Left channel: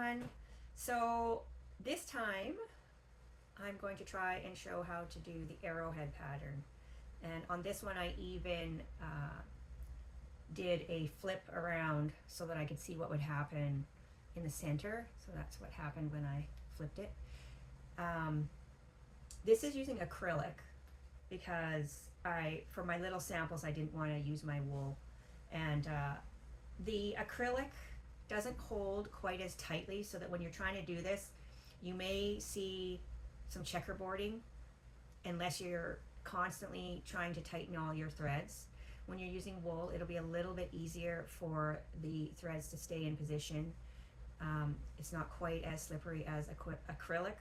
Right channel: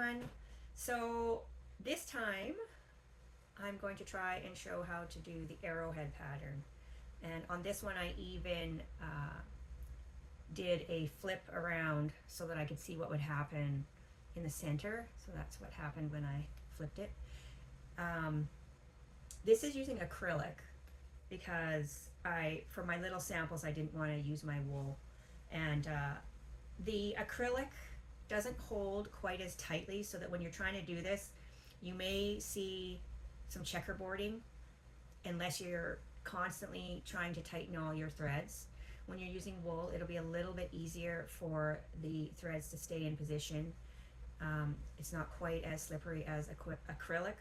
everyone. So this time I'm going to try and show how to do the arrowhead pattern. And on this one I even did a flip around so that I could see what would happen in the center. So that's what happened when I flipped it. This is using acrylic because for my little samples, I didn't want to use my wool. And the acrylic doesn't hold quite as tightly, so that when you're trying to do this, you may see some checkerboarding unless you're constantly trying to tighten all your threads. When you're using wool, it'll be a little bit easier for the threads to stay in position. It's not quite as slippery as acrylic.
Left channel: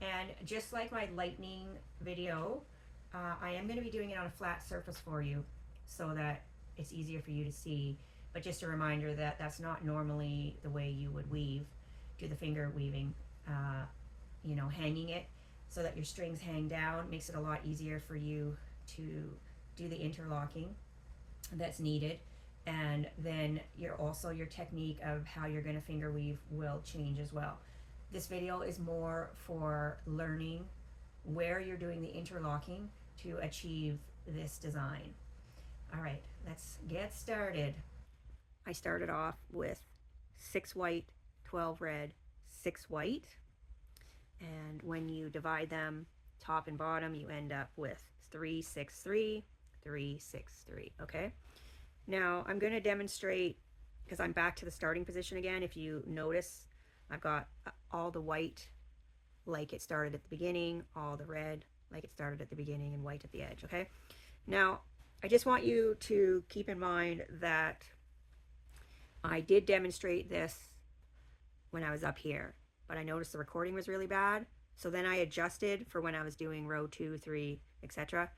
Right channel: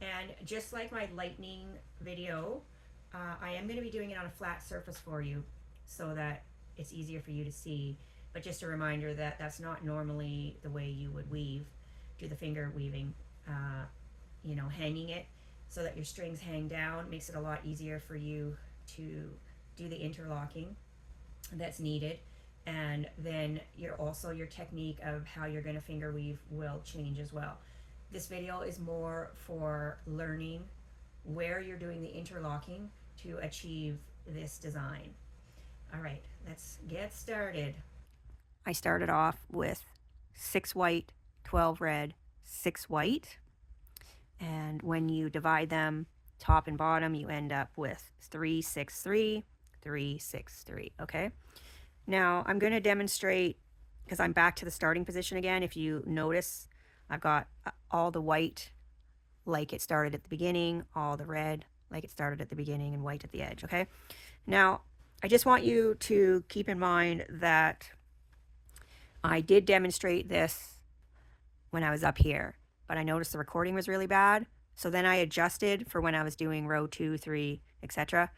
And just like my lightning video, I am going to be doing it on a flat surface for you so that it's easier for you to see. But just a reminder that that's not normally the way you would weave, do the finger weaving, you know, hanging it so that your strings hang down makes it a lot easier for you to do the interlocking that's needed. And then your technique of how you're going to finger weave will change as well. This video is more for learning where you're doing the interlocking to achieve this design. All right, let's get started. I started off with 6 white, 12 red, 6 white. And when you divide them top and bottom, you end up with 3, 6, 3, 3, 6, 3, okay? Now I'm going to demonstrate, because I'm back to the starting position again. If you notice, I've got all the white like it started at the beginning, all the red like it started at the beginning, and white at the edge, okay? Now, I just want you to keep in mind that I did demonstrate this when I was up here, but I noticed the recording was really bad. So then I adjusted for when I was doing row 2, 3, etc.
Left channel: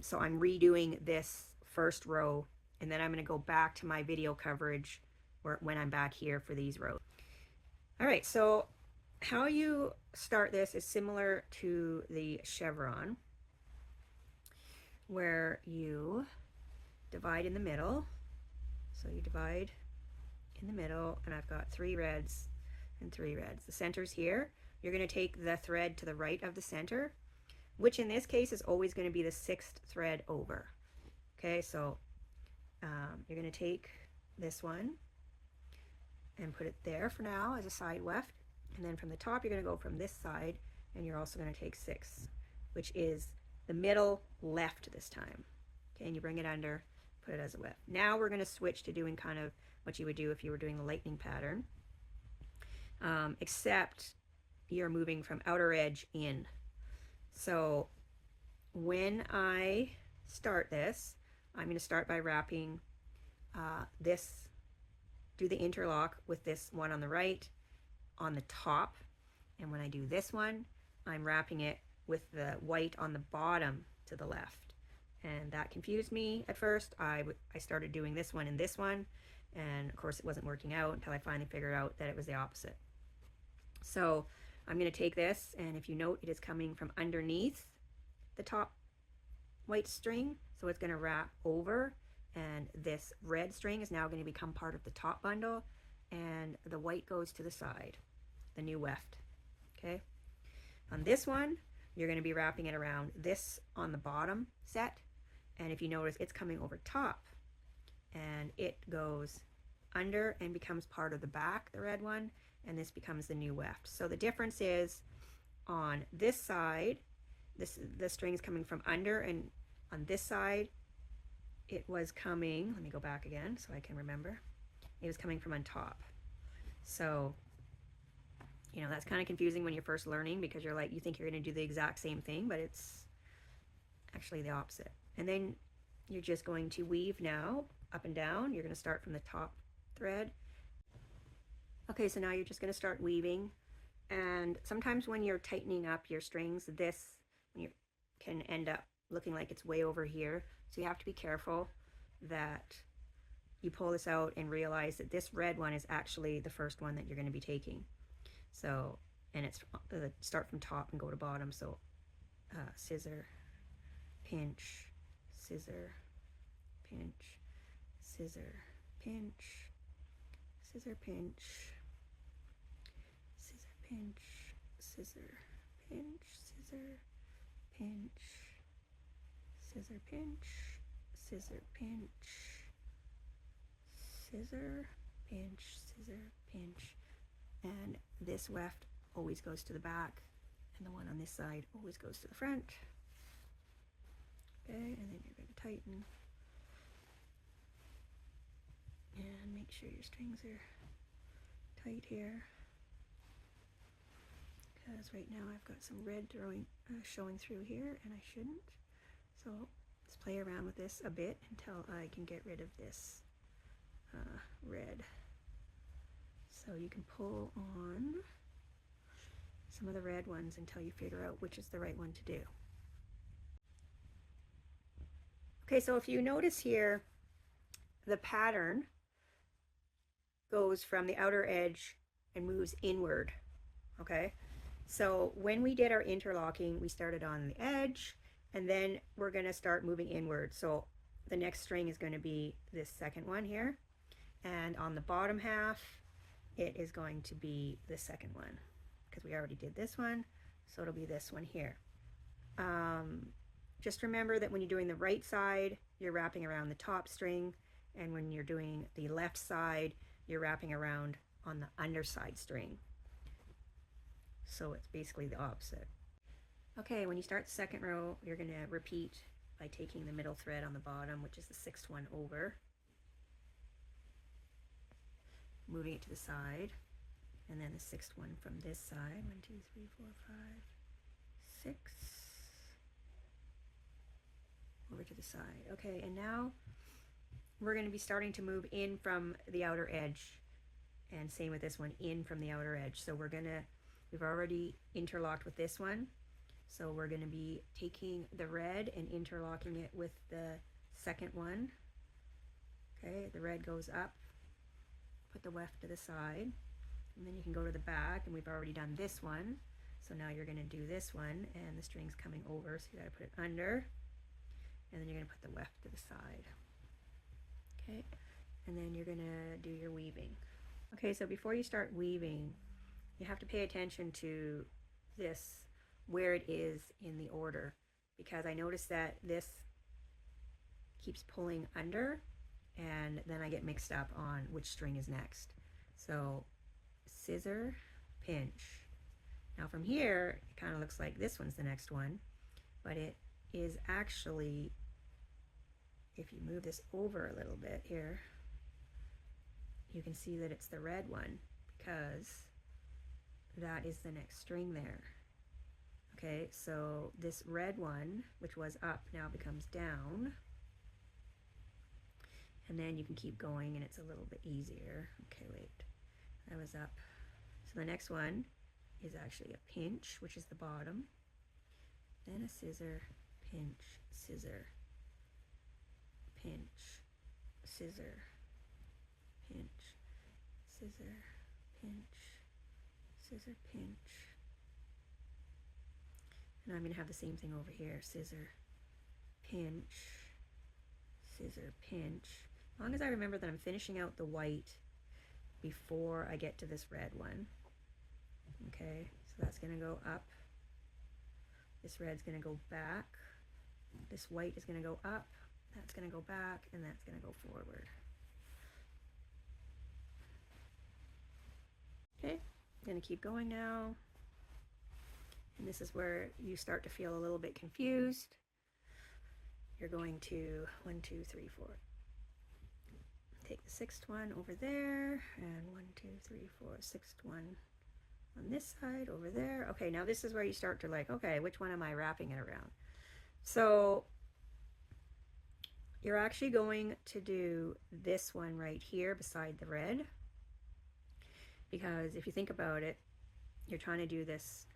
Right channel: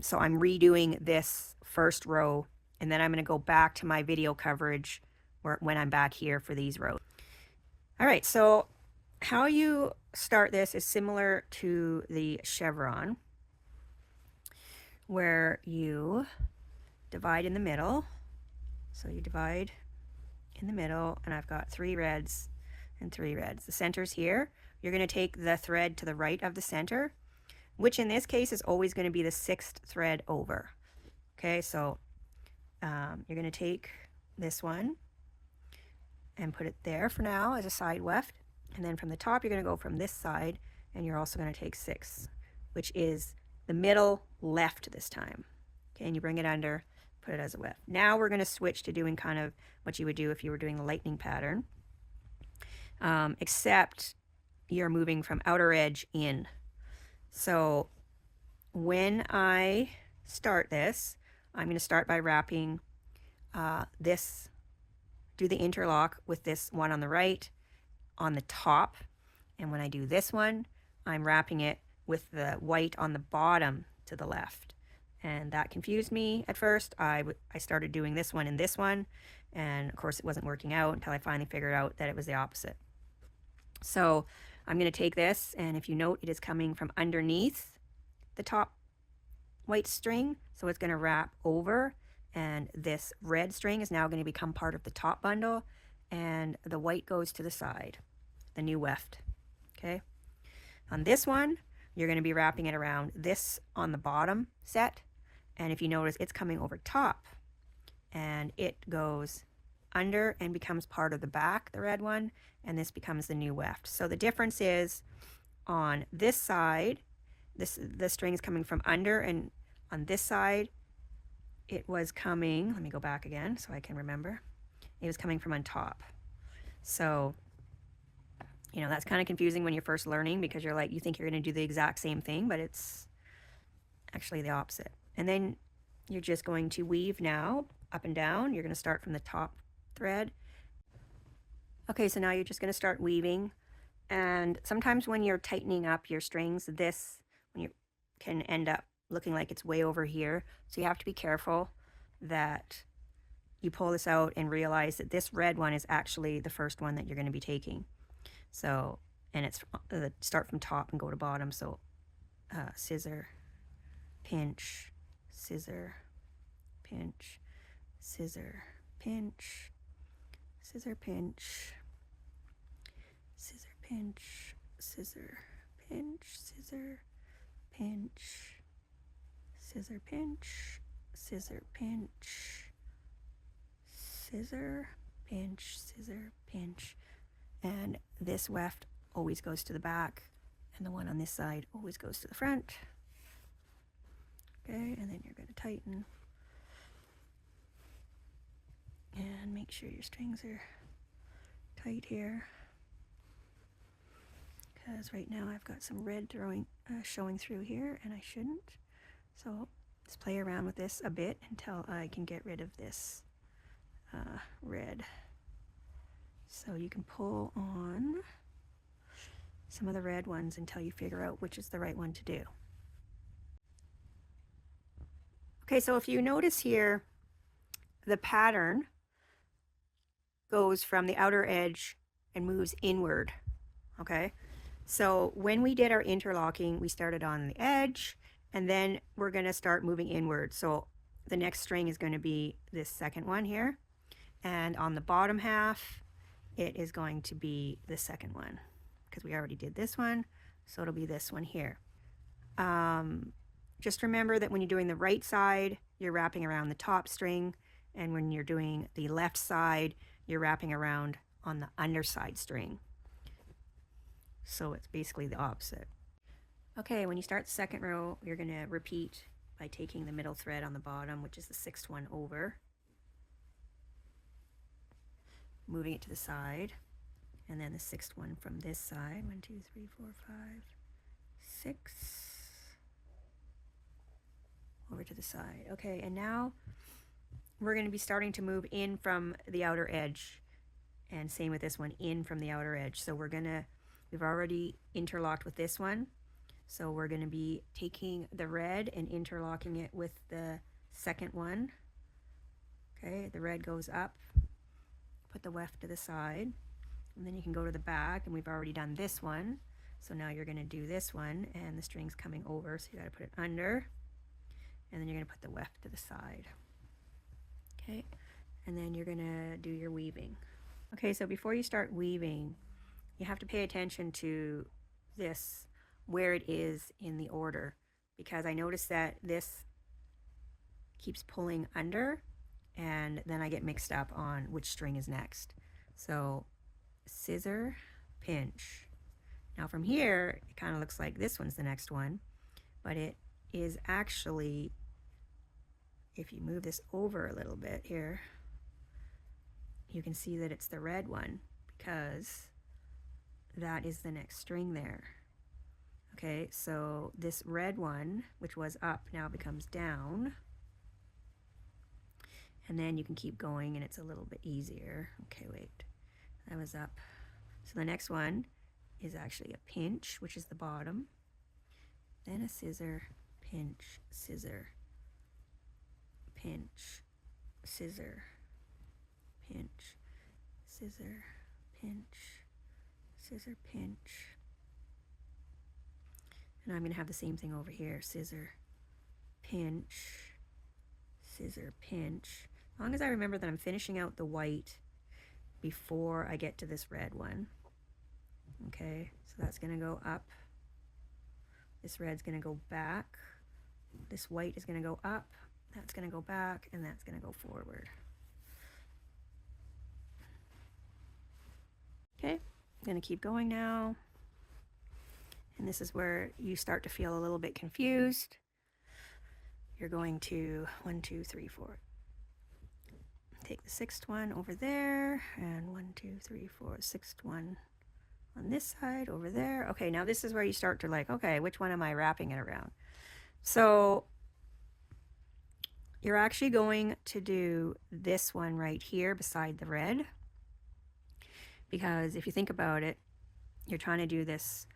So I'm redoing this first row, and then I'm going to go back to my video coverage when I'm back here for these rows. All right, so how you start this is similar to the chevron, where you divide in the middle. So you divide in the middle, and I've got 3 reds and 3 reds. The center's here. You're going to take the thread to the right of the center, which in this case is always going to be the 6th thread over. Okay, so you're going to take this one and put it there for now as a side weft, and then from the top you're going to go from this side, and you're also going to take 6, which is the middle left this time. Okay, and you bring it under, put it as a weft. Now we're going to switch to doing kind of what you would do if you were doing the lightning pattern, except you're moving from outer edge in. So when I start this, I'm going to start by wrapping this, do the interlock with this one on the right on the top, and when I do this one, I'm wrapping it with the white on the bottom to the left. And that confused me at first. I started doing this one and this one, and of course it wasn't working out until I finally figured out that it was the opposite. So I'm going to take this, and if you note, it is coming from underneath the top white string, so it's going to wrap over, and this red string is now going to become part of the top bundle, and the white goes to the side, the new weft. Okay, on this one you're going to be wrapping it around this on the bottom set, and if you notice, it's coming over top, and it goes under and becomes part of the back, the red one, and this becomes the new weft. So the difference is on this side, the string is coming from under, and on this side it was coming, let me go back again so I can remember, it was coming from on top. So, you know, that's kind of confusing when you're first learning, because you're like, you think you're going to do the exact same thing, but it's actually the opposite. And then you're just going to weave now up and down. You're going to start from the top thread. Okay, so now you're just going to start weaving, and sometimes when you're tightening up your strings, this can end up looking like it's way over here, so you have to be careful that you pull this out and realize that this red one is actually the first one that you're going to be taking. So, and it's start from top and go to bottom. So scissor, pinch, scissor, pinch, scissor, pinch, scissor, pinch, pinch, scissor, pinch, scissor, pinch, scissor, pinch, scissor, pinch, scissor, pinch, scissor, pinch. And this weft always goes to the back, and the one on this side always goes to the front. Okay, and then you're going to tighten and make sure your strings are tight here, because right now I've got some red showing through here, and I shouldn't. So just play around with this a bit until I can get rid of this red. So you can pull on some of the red ones until you figure out which is the right one to do. Okay, so if you notice here, the pattern goes from the outer edge and moves inward. Okay, so when we did our interlocking, we started on the edge, and then we're going to start moving inward. So the next string is going to be this second one here, and on the bottom half it is going to be the second one, because we already did this one, so it'll be this one here. Just remember that when you're doing the right side, you're wrapping around the top string, and when you're doing the left side, you're wrapping around on the underside string. So it's basically the opposite. Okay, when you start the second row, you're going to repeat by taking the middle thread on the bottom, which is the sixth one, over, moving it to the side, and then the sixth one from this side. 1, 2, 3, 4, 5, 6, over to the side. Okay, and now we're going to be starting to move in from the outer edge, and same with this one, in from the outer edge. So we've already interlocked with this one, so we're going to be taking the red and interlocking it with the second one. Okay, the red goes up, put the weft to the side, and then you can go to the back, and we've already done this one, so now you're going to do this one, and the string's coming over, so you got to put it under, and then you're going to put the weft to the side. Okay, and then you're going to do your weaving. Okay, so before you start weaving, you have to pay attention to this, where it is in the order, because I noticed that this keeps pulling under, and then I get mixed up on which string is next. So scissor, pinch. Now from here, it kind of looks like this one's the next one, but it is actually, if you move this over a little bit here, you can see that it's the red one, because that is the next string there. Okay, so this red one, which was up, now becomes down, and then you can keep going and it's a little bit easier. Okay, wait, that was up. So the next one is actually a pinch, which is the bottom, then a scissor, pinch, scissor, pinch, scissor, pinch, scissor, pinch, scissor, pinch. And I'm going to have the same thing over here, scissor, pinch, scissor, pinch. As long as I remember that I'm finishing out the white before I get to this red one. Okay, so that's going to go up, this red's going to go back, this white is going to go up, that's going to go back, and that's going to go forward. Okay, I'm going to keep going now. And this is where you start to feel a little bit confused. You're going to 1, 2, 3, 4. Take the sixth one over there, and 1, 2, 3, 4, sixth one on this side over there. Okay, now this is where you start to like, okay, which one am I wrapping it around? So you're actually going to do this one right here beside the red, because if you think about it, you're trying to do this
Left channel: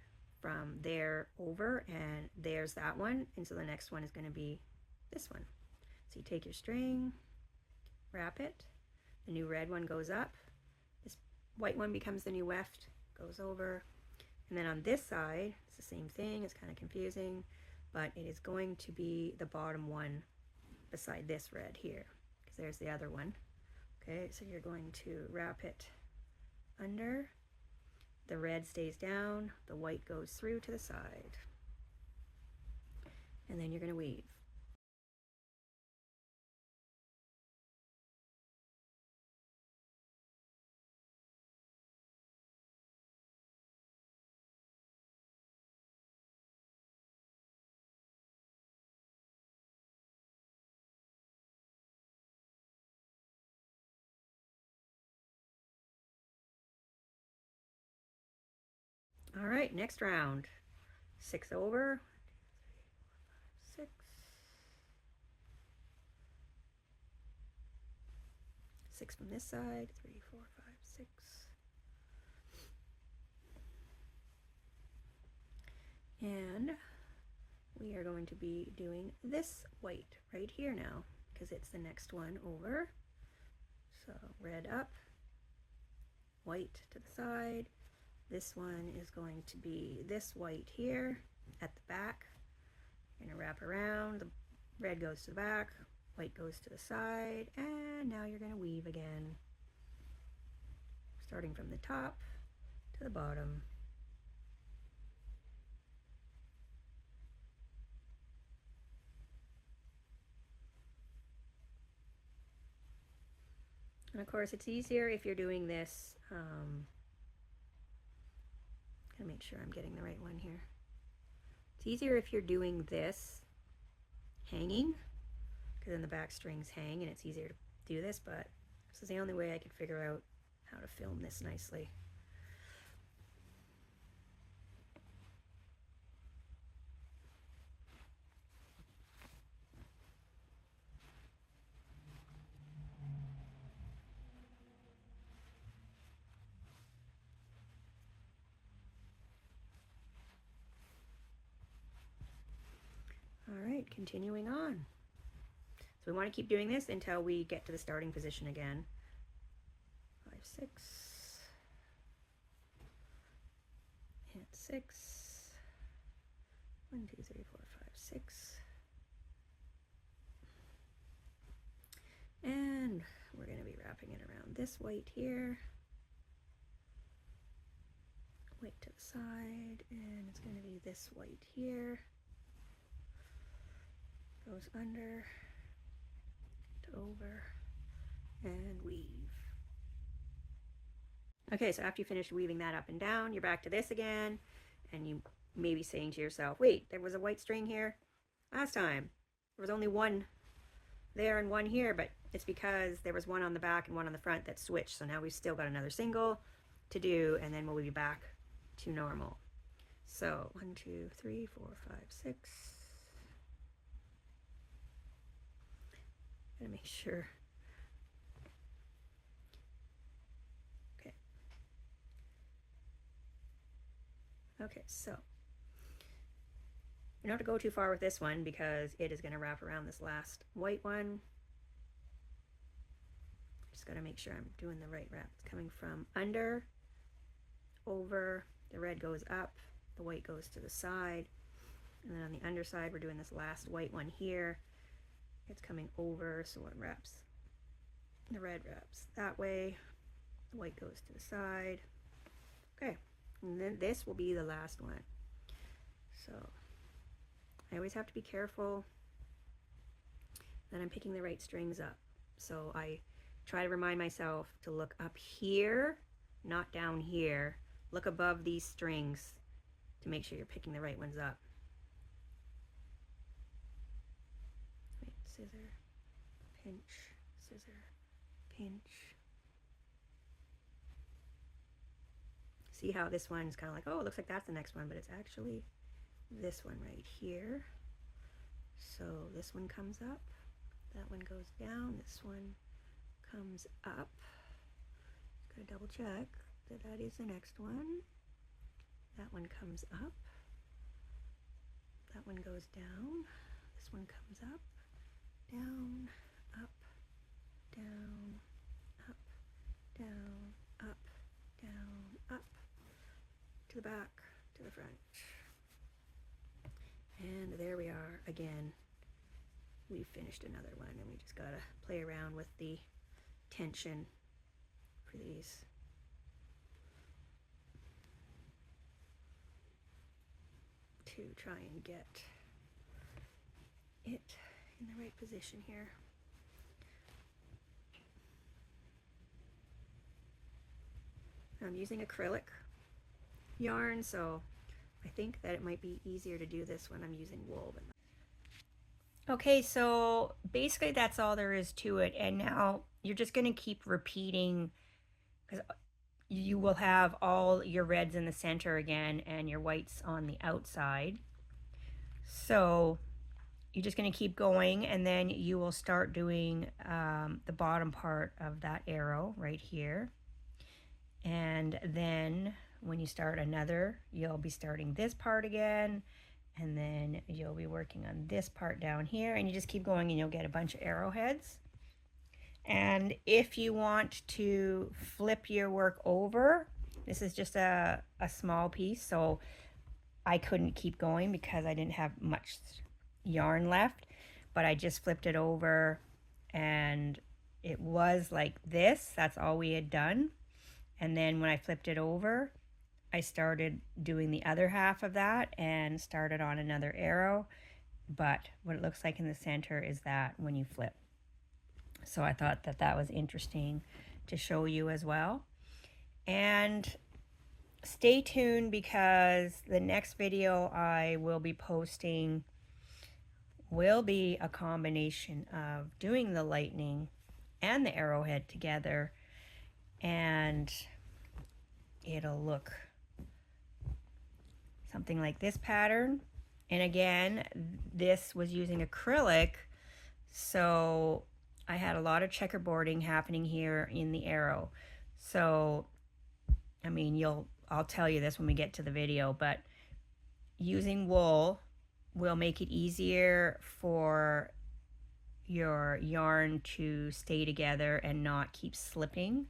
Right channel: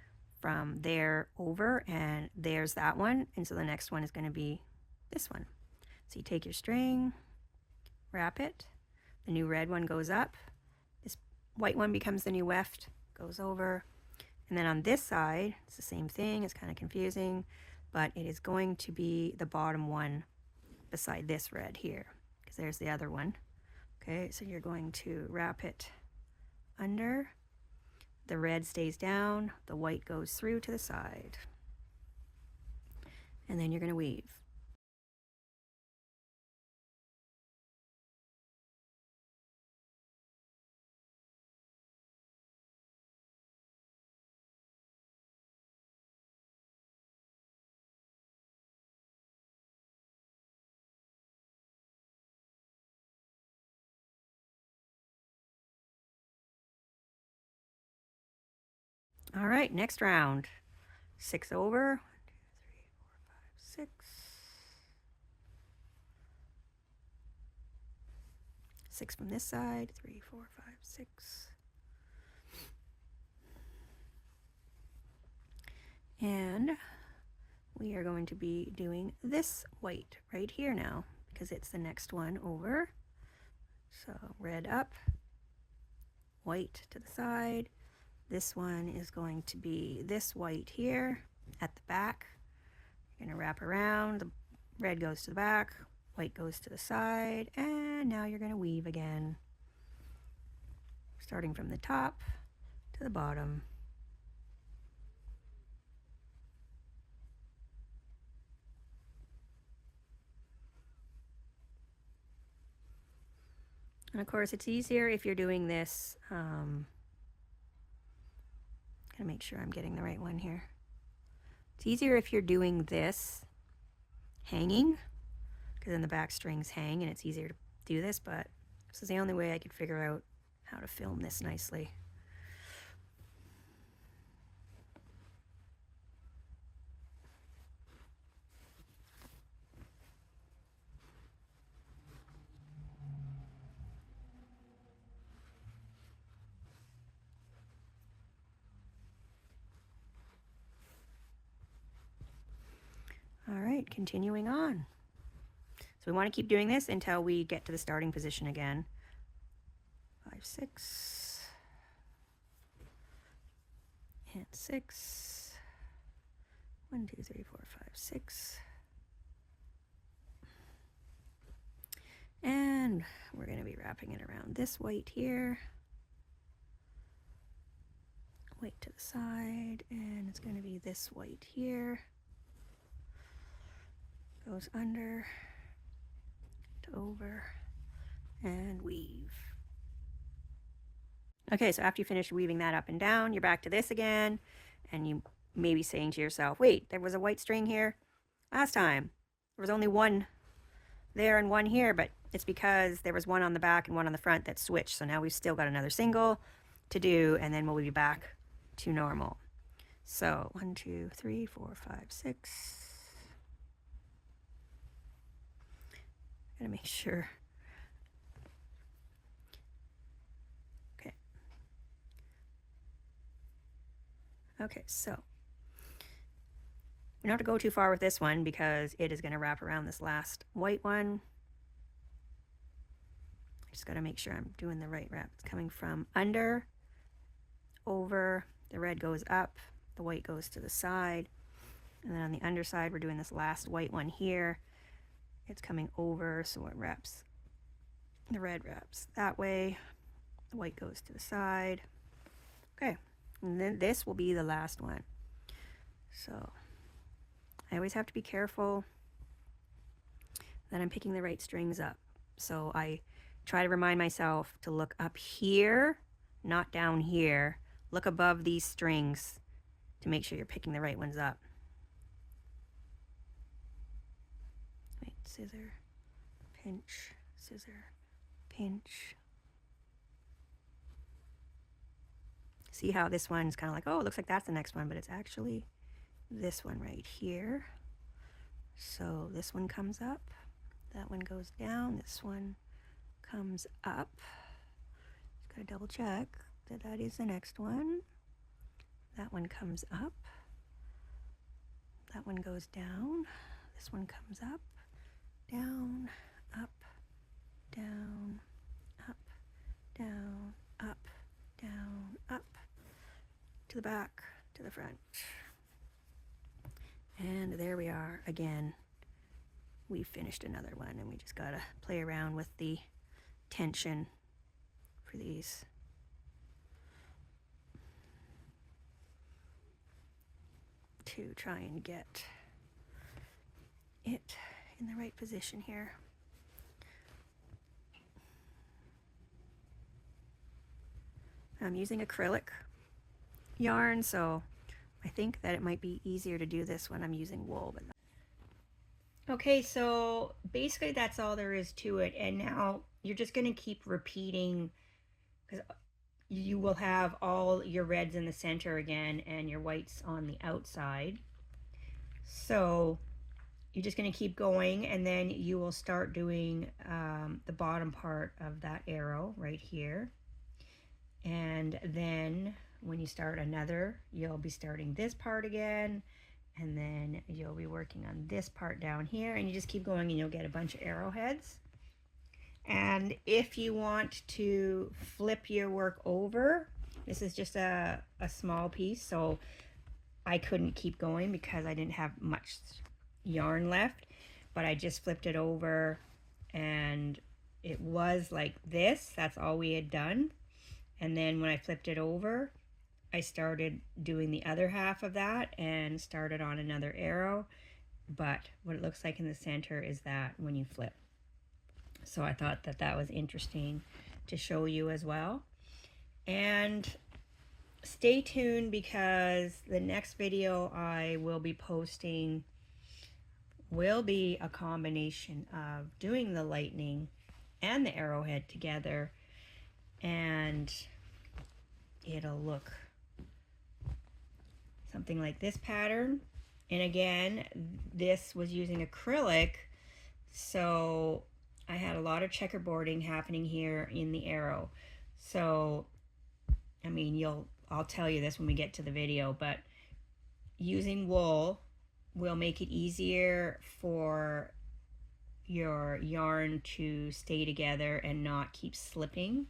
from there over, and there's that one, and so the next one is going to be this one. So you take your string, wrap it, the new red one goes up, this white one becomes the new weft, goes over, and then on this side it's the same thing. It's kind of confusing, but it is going to be the bottom one beside this red here, because there's the other one. Okay, so you're going to wrap it under, the red stays down, the white goes through to the side. And then you're going to weave. All right, next round. 6 over, 1, 2, 3, 4, 5, 6. 6 from this side, 3, 4, 5, 6. And we are going to be doing this white right here now because it's the next one over. So red up, white to the side. This one is going to be this white here at the back. You're going to wrap around, the red goes to the back, white goes to the side, and now you're going to weave again, starting from the top to the bottom. And of course, it's easier if you're doing this. Gotta make sure I'm getting the right one here. It's easier if you're doing this hanging, because then the back strings hang and it's easier to do this, but this is the only way I could figure out how to film this nicely. All right, continuing on. So we want to keep doing this until we get to the starting position again. 5, 6, and 6. 1, 2, 3, 4, 5, 6. And we're going to be wrapping it around this white here. White to the side, and it's going to be this white here. Goes under, to over, and weave. Okay, so after you finish weaving that up and down, you're back to this again, and you may be saying to yourself, wait, there was a white string here last time. There was only one there and one here, but it's because there was one on the back and one on the front that switched. So now we've still got another single to do, and then we'll be back to normal. So 1, 2, 3, 4, 5, 6. Gotta make sure. Okay. Okay, so you don't have to go too far with this one because it is going to wrap around this last white one. Just got to make sure I'm doing the right wrap. It's coming from under, over, the red goes up, the white goes to the side, and then on the underside we're doing this last white one here. It's coming over, so it wraps, the red wraps that way, the white goes to the side. Okay, and then this will be the last one. So I always have to be careful that I'm picking the right strings up. So I try to remind myself to look up here, not down here. Look above these strings to make sure you're picking the right ones up. Wait, scissor, pinch, scissor, pinch. See how this one's kind of like, oh, it looks like that's the next one, but it's actually this one right here. So this one comes up, that one goes down, this one comes up. Just gotta double check that that is the next one. That one comes up, that one goes down, this one comes up, down, up, down, up, down, up, down, up, to the back, to the front. And there we are again. We finished another one, and we just gotta play around with the tension for these. to try and get it in the right position here. I'm using acrylic yarn, so I think that it might be easier to do this when I'm using wool. Okay, so basically that's all there is to it, and now you're just going to keep repeating, because you will have all your reds in the center again and your whites on the outside. So you're just going to keep going, and then you will start doing the bottom part of that arrow right here. And then when you start another, you'll be starting this part again, and then you'll be working on this part down here, and you just keep going and you'll get a bunch of arrowheads. And if you want to flip your work over, this is just a small piece, so I couldn't keep going because I didn't have much yarn left, but I just flipped it over and it was like this. That's all we had done. And then when I flipped it over, I started doing the other half of that and started on another arrow. But what it looks like in the center is that when you flip. So I thought that that was interesting to show you as well. And stay tuned, because the next video I will be posting will be a combination of doing the lightning and the arrowhead together, and it'll look something like this pattern. And again, this was using acrylic, so I had a lot of checkerboarding happening here in the arrow. So I mean, I'll tell you this when we get to the video, but using wool will make it easier for your yarn to stay together and not keep slipping,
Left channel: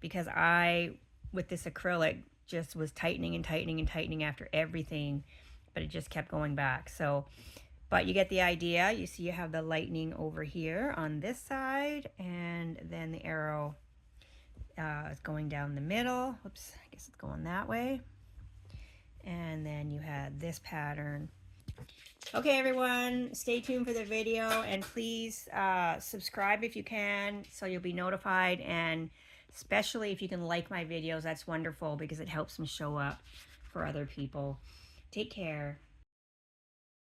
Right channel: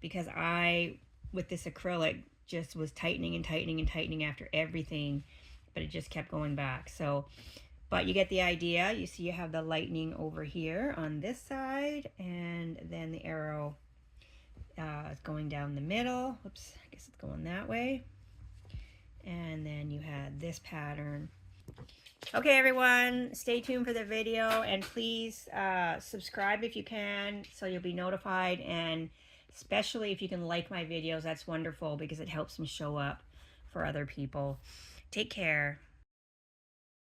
because I, with this acrylic, just was tightening and tightening and tightening after everything, but it just kept going back. So, but you get the idea. You see you have the lightning over here on this side, and then the arrow is going down the middle. Oops, I guess it's going that way. And then you had this pattern. Okay, everyone, stay tuned for the video, and please subscribe if you can, so you'll be notified, and especially if you can like my videos, that's wonderful, because it helps me show up for other people. Take care.